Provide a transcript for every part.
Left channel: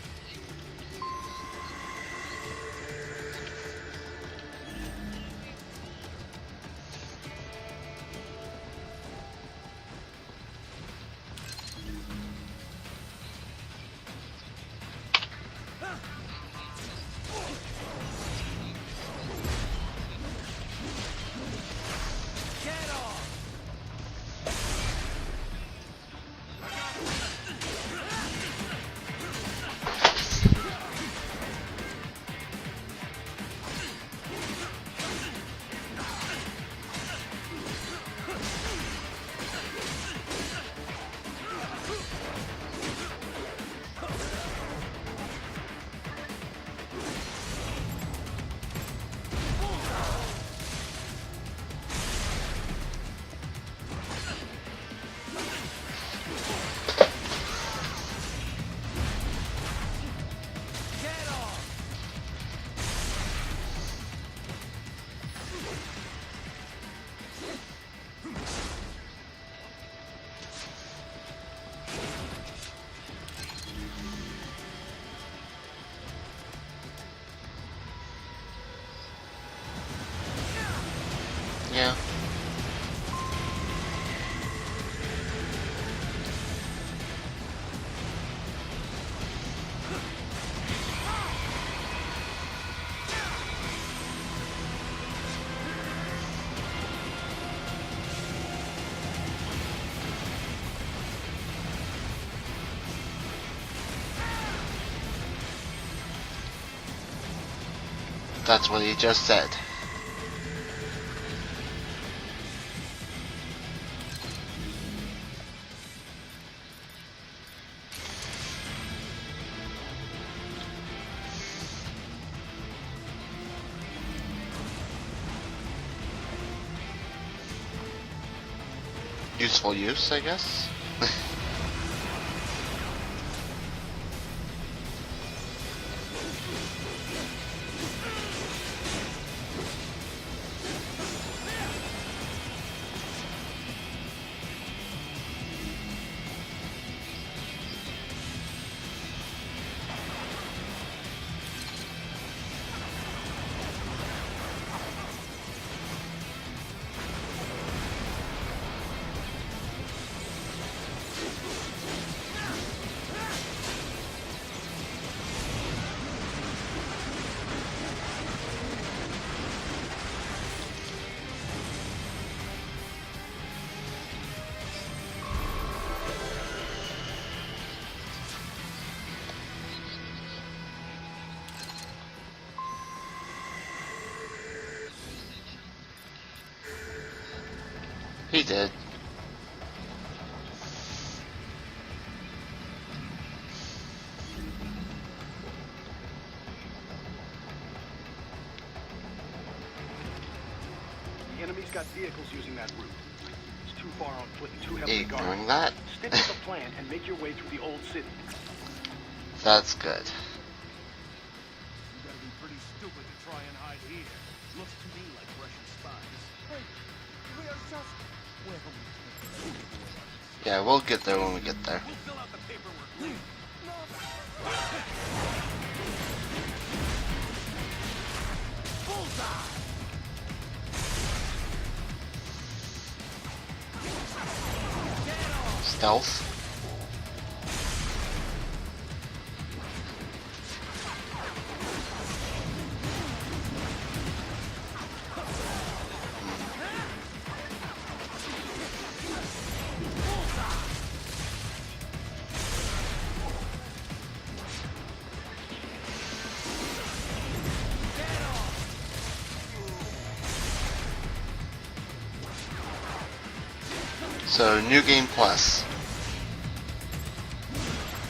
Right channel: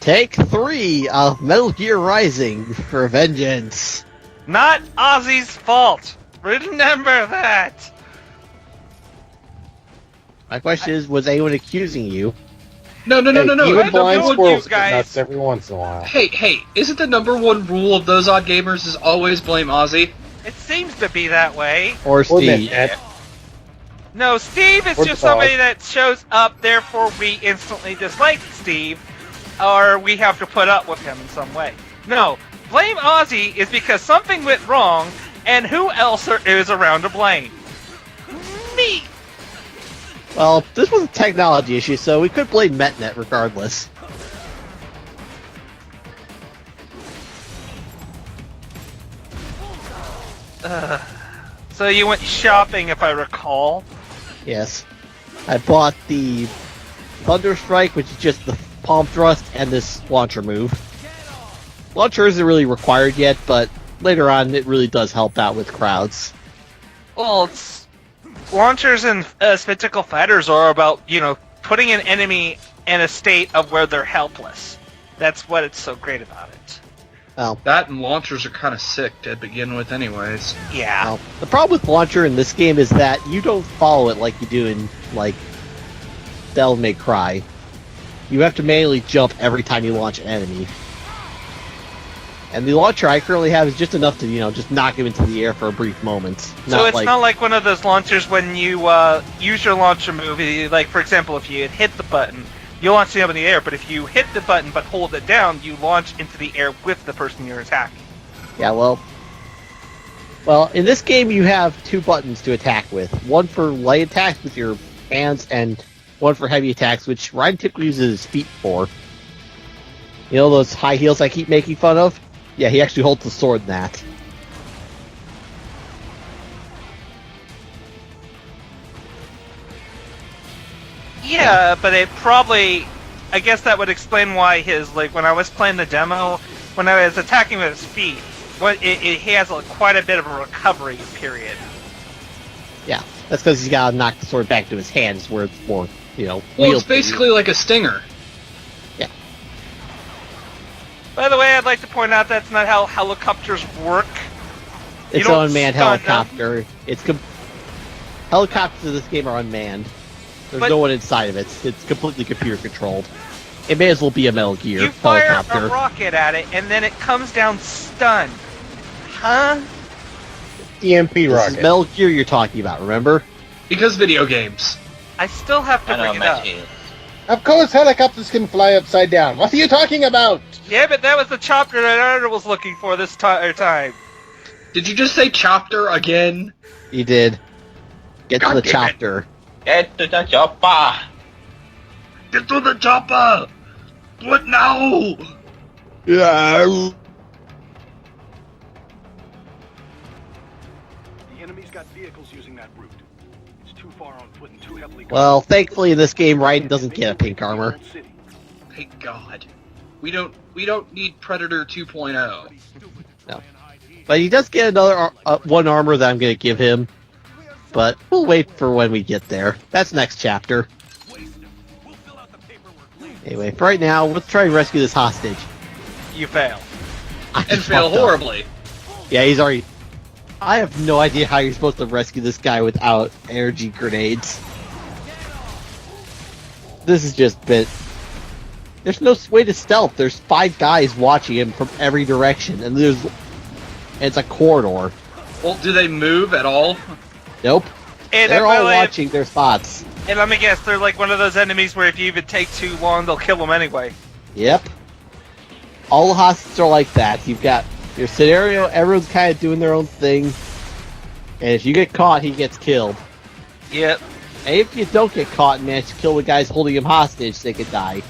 Take 3 of Metal Gear Rising for vengeance. Not Ozzy's fault. Remember that. My question is, was anyone accusing you? No. Even blind you squirrels get guys. nuts every once in a while. Hey, isn't the number one rule of those odd gamers is always blame Ozzy? It seems to be that way. Or Or Steve? Mitch. No, Steve is Or just the dog. somebody that shows up, therefore we instantly dislike Steve, or we have to put up with him in some way. No, blame Ozzy is because something went wrong, and who else is around to blame? Me! Well, this was a technology issue, so we could blame MetNet regardless. So you went shopping, if I recall. Yes. I bought the Thunder Strike, which is just the palm thrust, and this launcher move. Launcher isn't really required yet, but later on it really does help out with crowds. Well, it's, launchers and spectacle fighters are about, putting an enemy in a state of where they're helpless. That's what it's so great about it. Well, That and launchers are kind of sick to begin with anyways. Yeah. well, the problem with launcher in this game is that you don't follow it like you do in, like, Devil May Cry. You have to manually jump every time you launch an enemy. And the launcher I currently have is just enough to, just knock him into the air for a brief moment. So it's not like one of those launchers when you use your launcher move, like for example, if you hit the button, you launch them in the air, but if you hit the button but hold it down, you launch into the air with the person you're attacking. That's Yeah, what well- he just said. Well, in this game you have 2 buttons to attack with. One for light attacks with your hands, and one for heavy attacks, which Ryan typically uses his feet for. You know those high heels I keep making fun of? Yeah, he actually holds the sword in that. Useful use, I guess. Yeah, but it probably, I guess that would explain why when I was playing the demo, when I was attacking with his feet, he has quite a bit of a recovery period. Yeah, that's because he's got to knock the sword back to his hands where it's more, Well, it's wieldy. basically like a stinger. By the way, I'd like to point out that's not how helicopters work. It's you an don't unmanned stun them. helicopter. Helicopters in this game are unmanned. There's But- no one inside of it. It's completely computer controlled. It may as well be a Metal Gear You fire helicopter. a rocket at it, and then it comes down stunned. Huh? EMP This is rocket. Metal Gear you're talking about, remember? Because video games. I still have to bring it up. Of course helicopters can fly upside down. What are you talking about? Yeah, but that was the chopper that I was looking for this time. Did you just say chopper again? He did. Get to the God damn it. chopper. Get to the chopper! Get to the chopper! What now? Yeah. The enemy's got vehicles using that route. It's too far on foot and too heavily guarded. Well, thankfully in this game, Raiden doesn't get a pink armor. Thank God. That's good. We don't need Predator 2.0. No. But he does get another one armor that I'm going to give him. But we'll wait for when we get there. That's next Yeah, chapter. we'll get there when we get there. Anyway, for right now, let's try and rescue this hostage. You fail. I And fail fucked up. horribly. Yeah, he's already... I have no idea how you're supposed to rescue this guy without energy grenades. Stealth. This has just been... There's no way to stealth. There's 5 guys watching him from every direction, and it's a corridor. Well, do they move at all? Nope. And They're all by the way, watching their spots. And let me guess, they're like one of those enemies where if you even take too long, they'll kill them anyway. Yep. All the hostages are like that. You've got your scenario, everyone's kind of doing their own thing. And if you get caught, he gets killed. Yep. So And if new you game don't get plus. caught and manage to kill the guys holding him hostage, they could die.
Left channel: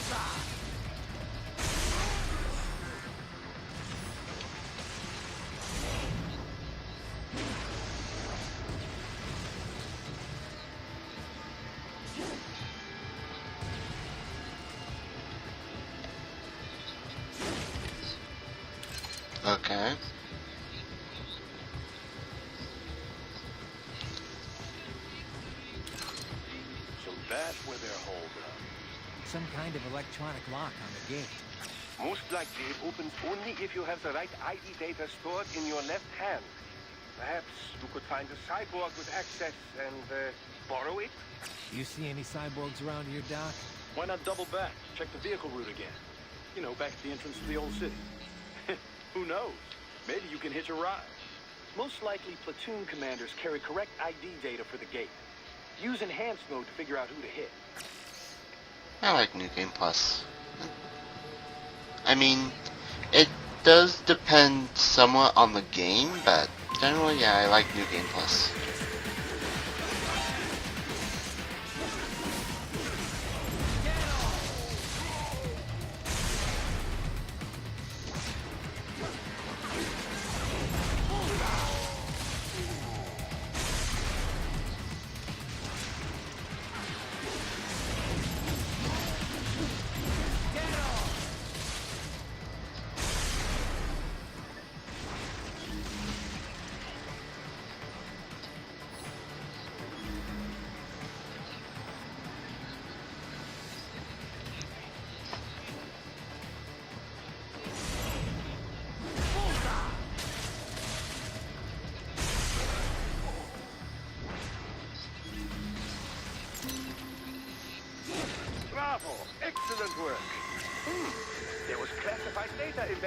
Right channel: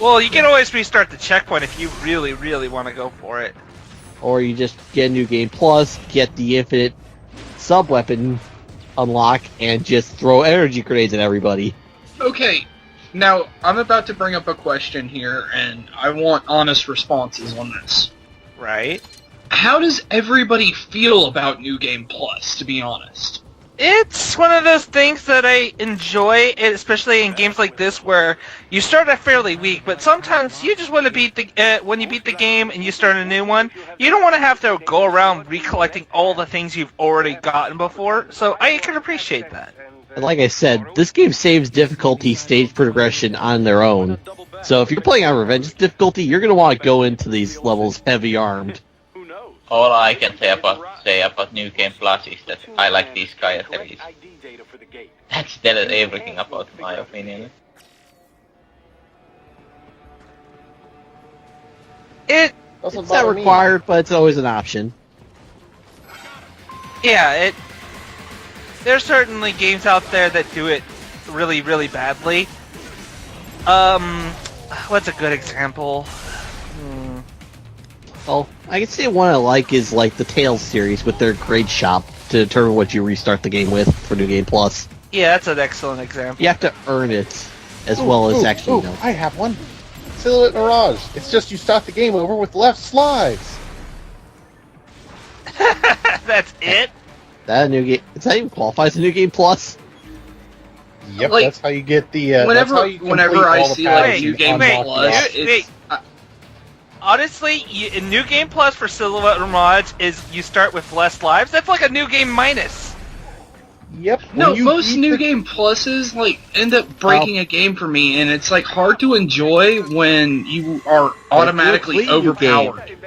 Well, you can always restart the checkpoint if you really, really want to go for it. Or you just get a new game plus, get the infinite sub-weapon unlock, and just throw energy grenades at everybody. Okay, now I'm about to bring up a question here, and I want honest responses on this. Right? How does everybody feel about New Game Plus, to be honest? It's one of those things that I enjoy, especially in games like this where you start out fairly weak, but sometimes you just want to beat the when you beat the game and you start a new one, you don't want to have to go around recollecting all the things you've already gotten before. So I can appreciate that. And like I said, this game saves difficulty stage progression on their own. So if you're playing on Revenge difficulty, you're going to want to go into these levels heavy armed. Who knows? All I can say about New Game Plus is that I like these characters. That's telling everything about my opinion. I like New Game Plus. I mean, It It's not required, but it's always an option. Somewhat on the game, but generally Yeah, I like New Game Plus. there's certainly games out there that do it really, really badly. What's a good example? Well, I can say one I like is like the Tales series with their grade shop to determine what you restart the game with for New Game Plus. Yeah, that's an excellent example. You have to earn it as well as actually know. I have one. Silhouette Mirage. It's just you start the game over with left slides. That's it? That a new game? Does that even qualify as a New Game Plus? Yep, Like, that's how you get the. whenever I see like New Game wait, Plus, wait. Honestly, in New Game Plus for Silhouette Mirage is you start with less lives. That's like a New Game Minus. Yep. no, when you most beat New the- Game Pluses like end up breaking a game for me, and it's like hard to enjoy when you are automatically Complete new game. overpowered.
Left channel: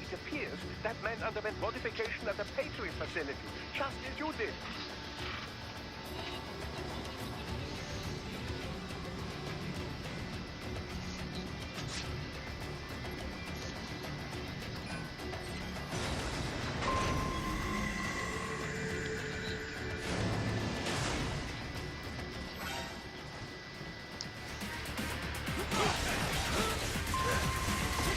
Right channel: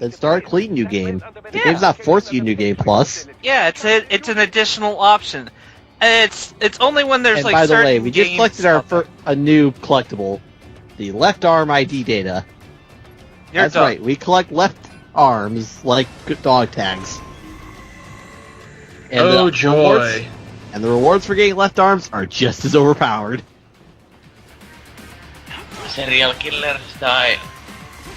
Then start a clean New Game. The game's not forcing you New Game Plus. Yeah, it's an additional option. And it's only when there's And like by the certain way, we just games collected a new collectible, the left arm ID data. You're That's done. right, we collect left arms like good dog tags. And Oh the joy! rewards- and the rewards for getting left arms are just as overpowered. Serial killers die.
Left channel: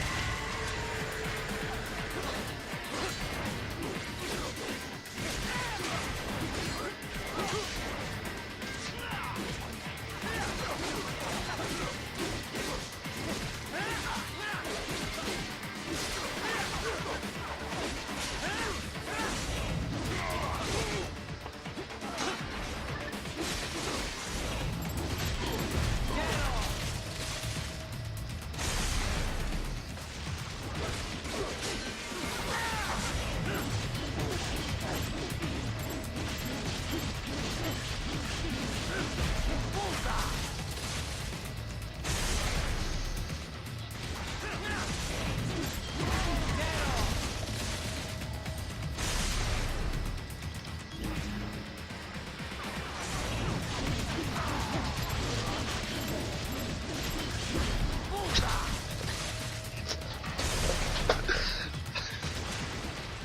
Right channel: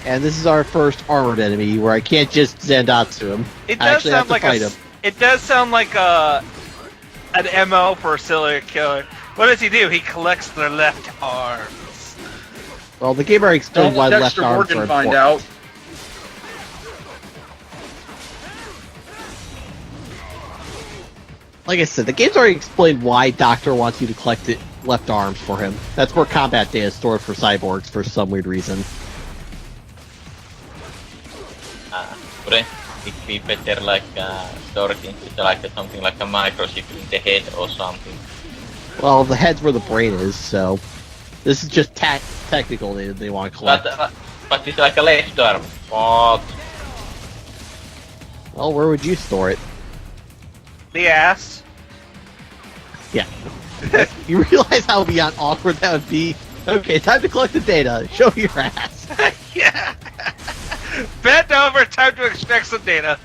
And this is our first armored enemy where I can't just Zandatsu him. It I does actually have sound to like fight him. it does sound like an MO for a serial killer. What does he do? He collects their left arms. Well, the game already explained why Don't left Dexter arms are Morgan find important. out. Like I said, the game's already explained why Doctor wants you to collect left arms for him. That's where combat data is stored for cyborgs for some weird reason. Wouldn't it be better like stored into like something like a microchip in the head or something? Well, the head's where the brain is, so this is just technical they want to collect. But it's like a left arm. What? Well, where would you store it? The ass. Yeah. You realize how beyond awkward that would be? Okay, time to collect the data. Show me your ass. Yeah. Bend over. Time to extract some data.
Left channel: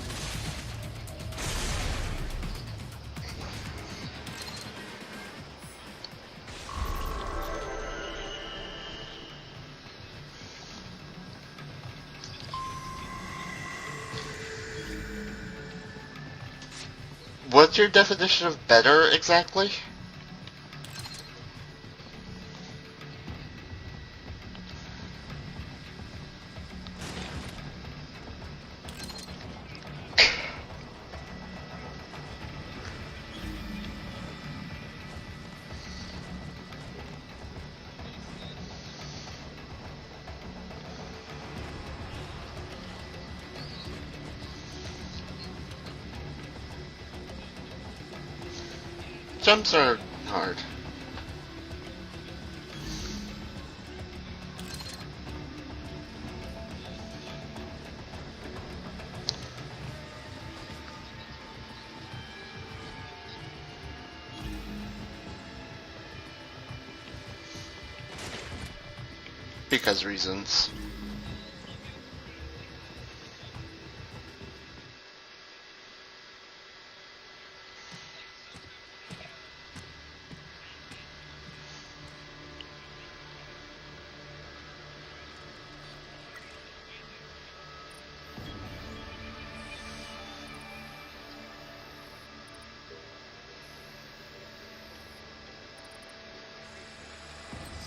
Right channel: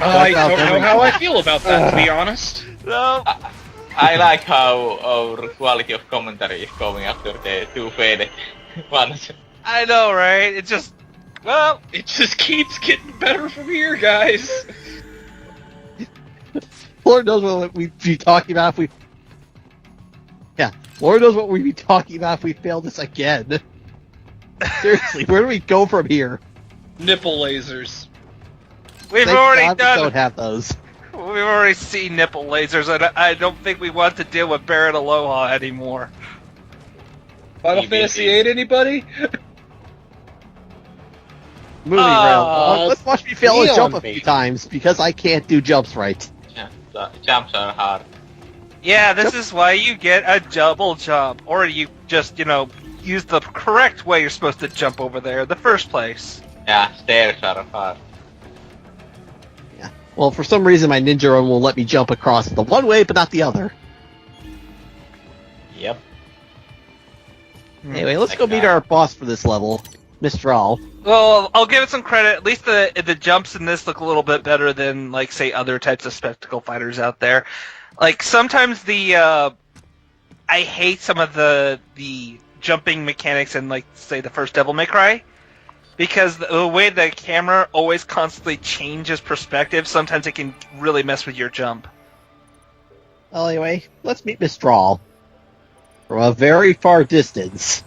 I don't know how I feel about that, to be honest. No. I like how our quality of commentary is going after the two faded ones. I know, right? It just. Well, It just keeps getting better from here, guys. Lord knows what What's your we'd be definition talking of about. If better exactly? Lord knows what we'd be talking about if we failed this again. Seriously, where do we go from here? Nipple lasers. we've Thank already God we done. don't have those. We've already seen nipple lasers, and I don't think we want to deal with Barret Aloha anymore. Final EBT. Fantasy 8, anybody? Moving around. Uh, Let's watch me fail a Neon jump a few Baby. times because I can't do jumps right. Yeah, the jumps are hard. Yeah, this Jump is jumps why are you get a hard. double jump, or you just, use the correct way you're supposed to jump over there in the first place. Yeah, stairs are hard. Well, for some reason, my ninja run will let me jump across the one way, but not the other. Yep. Anyway, let's go meet our boss for this level, Because reasons. Mistral. Well, I'll give it some credit. At least the jumps in this look a little bit better than, like, say, other types of spectacle fighters out there. Like, sometimes I hate some of the jumping mechanics in, like, say, the first Devil May Cry. Because the way the camera always constantly changes perspective, sometimes it can really mess with your jump. Well, anyway, let's meet Mistral. From a very far distance.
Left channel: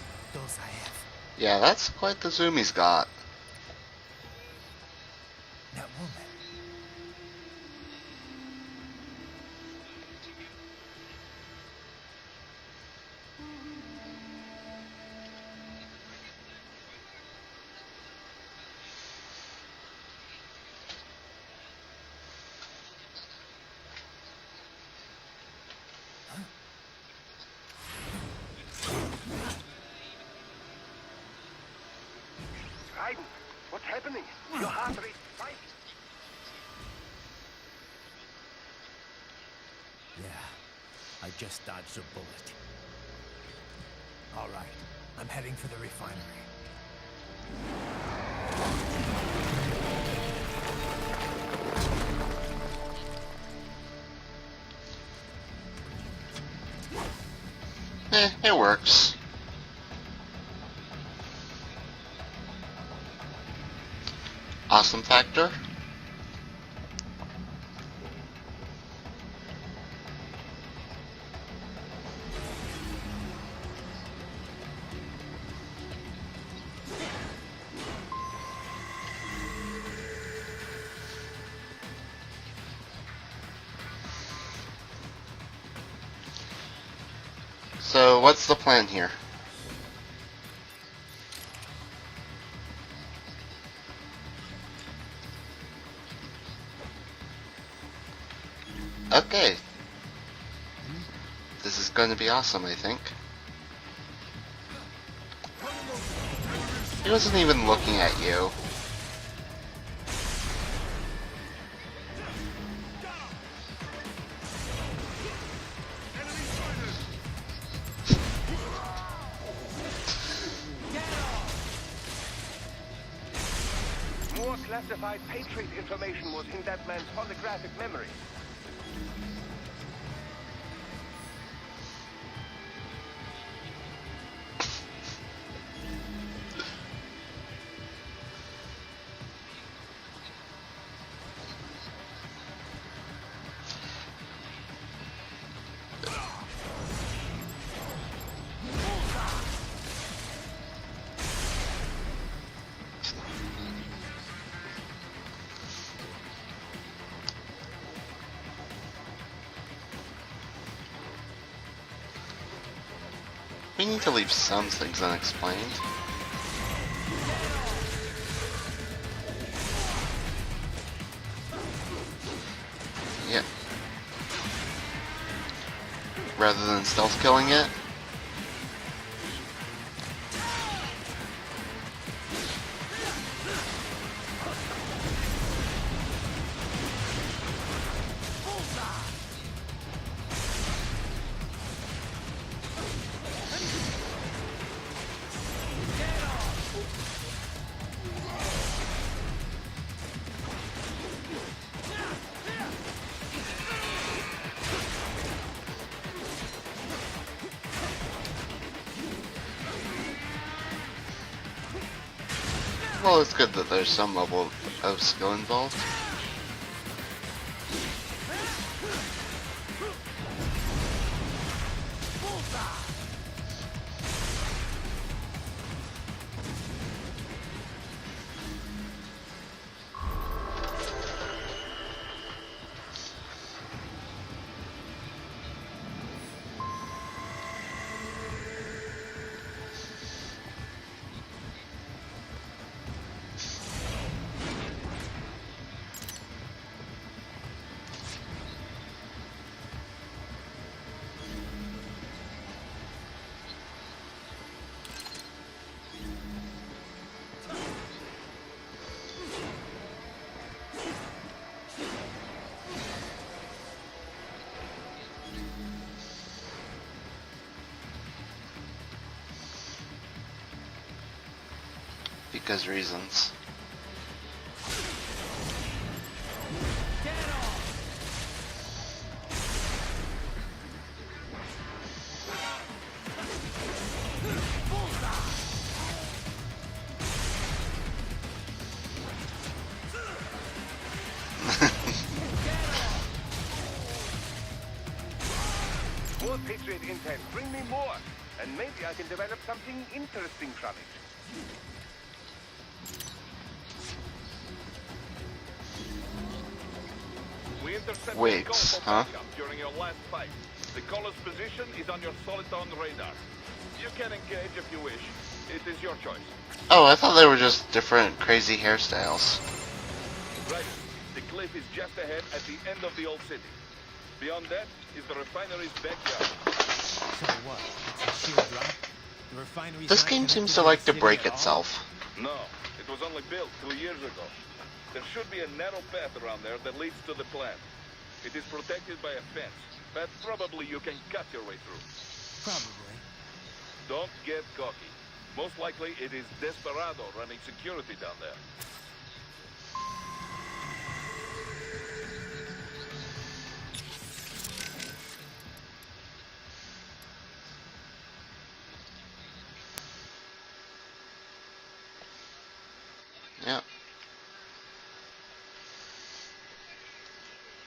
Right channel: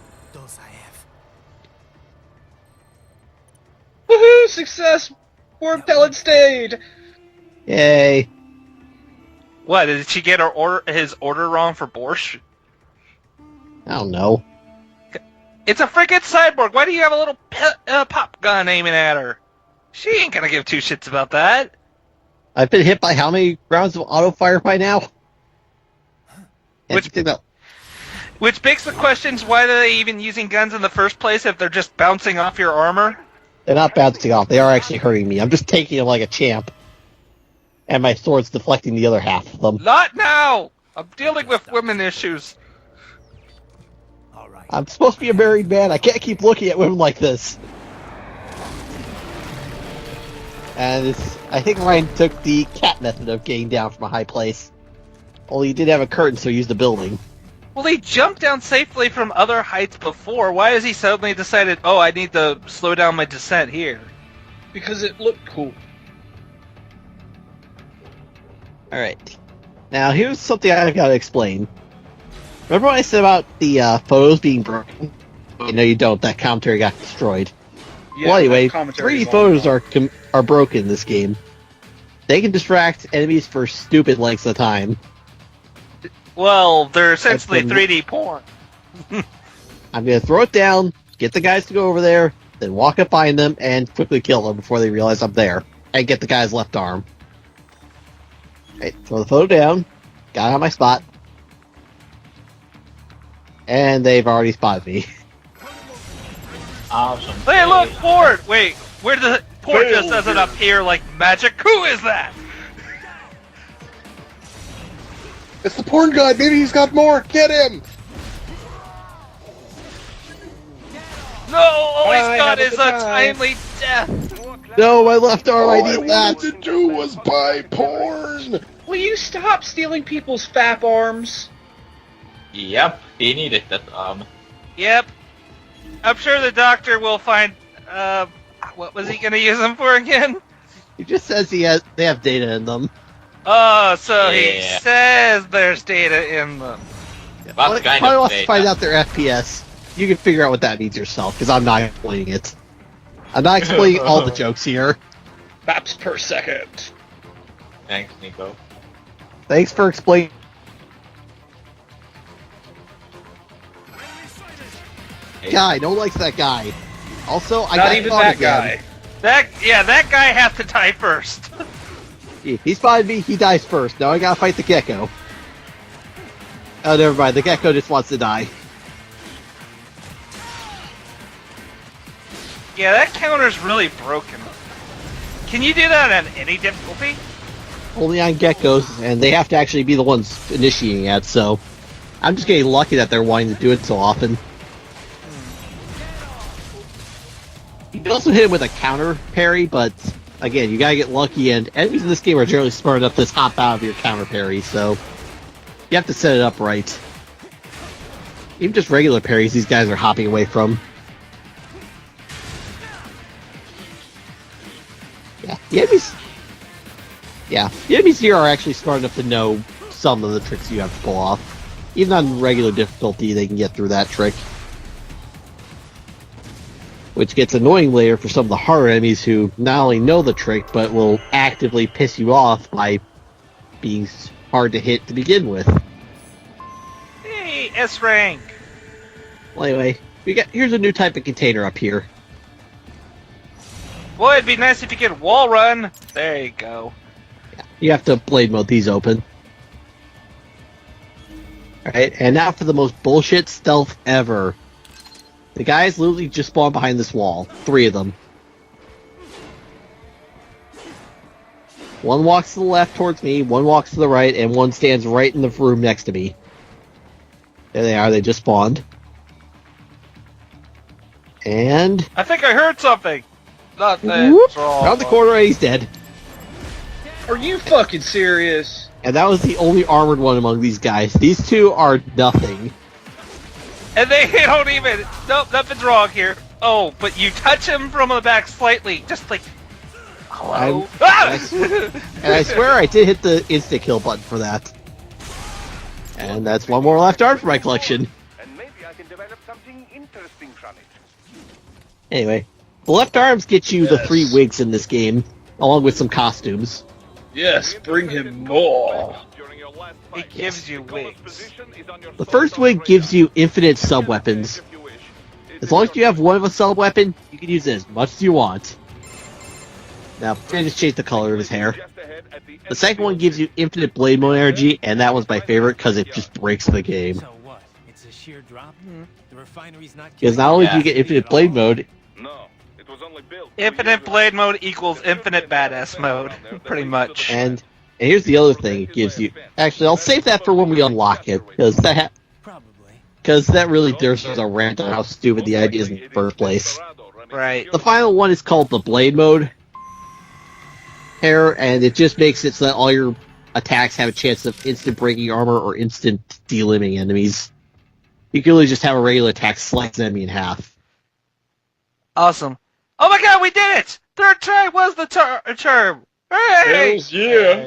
Yeah, that's quite the zoom he's got. Woohoo! Success! More pellet stayed! Yay. What, did she get his order wrong for borscht? I don't know. It's a freaking cyborg. Why do you have a little pop gun aiming at her? She ain't gonna give two shits about that. I've been hit by how many rounds of auto fire by now? Which begs the questions, why are they even using guns in the first place if they're just bouncing off your armor? They're not bouncing off. They are actually hurting me. I'm just taking them like a champ. And my sword's deflecting the other half of them. Not now! I'm dealing with women issues. I'm supposed to be a married man. I can't keep looking at women like this. And I think Ryan took the cat method of getting down from a high place. Only he did have a curtain, so he used the building. Well, he jumped down safely from other heights before. Why has he suddenly decided, oh, I need to slow down my descent here? Awesome Because it factor. looked cool. Alright. Now, here's something I've got to explain. Remember what I said about the photos being broken? No, you don't. That commentary got destroyed. Yeah, Well, anyway, that commentary 3D is photos all are broken in this game. They can distract enemies for stupid lengths of time. Well, they're essentially That's been- 3D So porn. what's the plan here? I'm going to throw it down, get the guys to go over there, then walk up behind them, and quickly kill them before they realize I'm there. And get the guy's left arm. Right, so throw it Okay. down, got on my spot, This is going to be awesome, I think. and they've already spotted me. He wasn't even Hey, look, looking at port! you. Wait, where did the port just doesn't appear like magic? Who is that? It's the porn god. Maybe he's got more. Get him. No, all he's I got have a is a good time. timely death. No, my left arm, I All I need that! wanted to do was buy porn. Will you stop stealing people's fap arms? Yep, he needed that arm. Yep. I'm sure the doctor will find, what was he gonna use them for again? He just says they have data in them. Oh, so he Yeah. says there's data in them. What Well, kind probably of wants to data? find out their FPS. You can figure out what that means yourself, because I'm not explaining it. I'm not explaining all the jokes here. Faps per second. Thanks, Nico. Thanks for explaining. We need to leave some things unexplained. Guy, no one likes that guy. Also, I Not got even caught that again. guy. That guy has to die first. If he spotted me, he dies first. Now I gotta fight the gecko. Rather than Oh, never mind. The self-killing gecko it. just wants to die. Yeah, that counter's really broken. Can you do that at any difficulty? Only on geckos, and they have to actually be the ones initiating it, so... I'm just getting lucky that they're wanting to do it so often. You can also hit him with a counter parry, but... Again, you gotta get lucky, and enemies in this game are generally smart enough to just hop out of your counter parry, so... You have to set it up right. Even just regular parries, these guys are hopping away from. Well, it's good that there's some level of skill involved. The enemies... Yeah, the enemies here are actually smart enough to know some of the tricks you have to pull off. Even on regular difficulty, they can get through that trick. Which gets annoying later for some of the harder enemies who not only know the trick, but will actively piss you off by being hard to hit to begin with. Hey, S rank. Well, anyway, here's a new type of container up here. Boy, it'd be nice if you could wall run. There you go. You have to blade mode these open. Alright, and now for the most bullshit stealth ever. The guys literally just spawn behind this wall. 3 of them. One walks to the left towards me, one walks to the right, and one stands right in the room next to me. There they are, they just spawned. And... I think I heard something. Not that. whoop, it's all- around the corner and he's dead. Are you fucking serious? And that was the only armored one among these guys. These two are nothing. And they don't even. Nope, nothing's wrong here. Oh, but you touch him from the back slightly, just like. Hello. And I swear I did hit the insta kill button for that. And that's one more left arm for my collection. And maybe I can develop something interesting from it. Anyway, the left arms get you the Yes. 3 wigs in this game. along with some costumes. Yes, bring him Wigs. more. It gives you wigs. The first wig gives you infinite sub-weapons. As long as you have one of a Oh, I sub-weapon, thought they were just use it. different What do you crazy want? hairstyles. Now, I just changed the color of his hair. The second one gives you infinite blade mode energy, and that was my favorite because it just breaks the game. So what? It's a sheer drop. The refinery's This not game Because seems not only to do you have get to break infinite blade itself. mode, Infinite blade mode equals infinite badass mode, pretty much. and here's the other thing it gives you. Actually, I'll save that for when we unlock it, because that really there's a rant on how stupid the idea is in the first place. Right. The final one is called the blade mode hair, and it just makes it so that all your attacks have a chance of instant breaking armor or instant delimbing enemies. You can really just have a regular attack slice an enemy in half. Awesome. Oh my god, we did it! Third try was the term! Hooray! Hells yeah.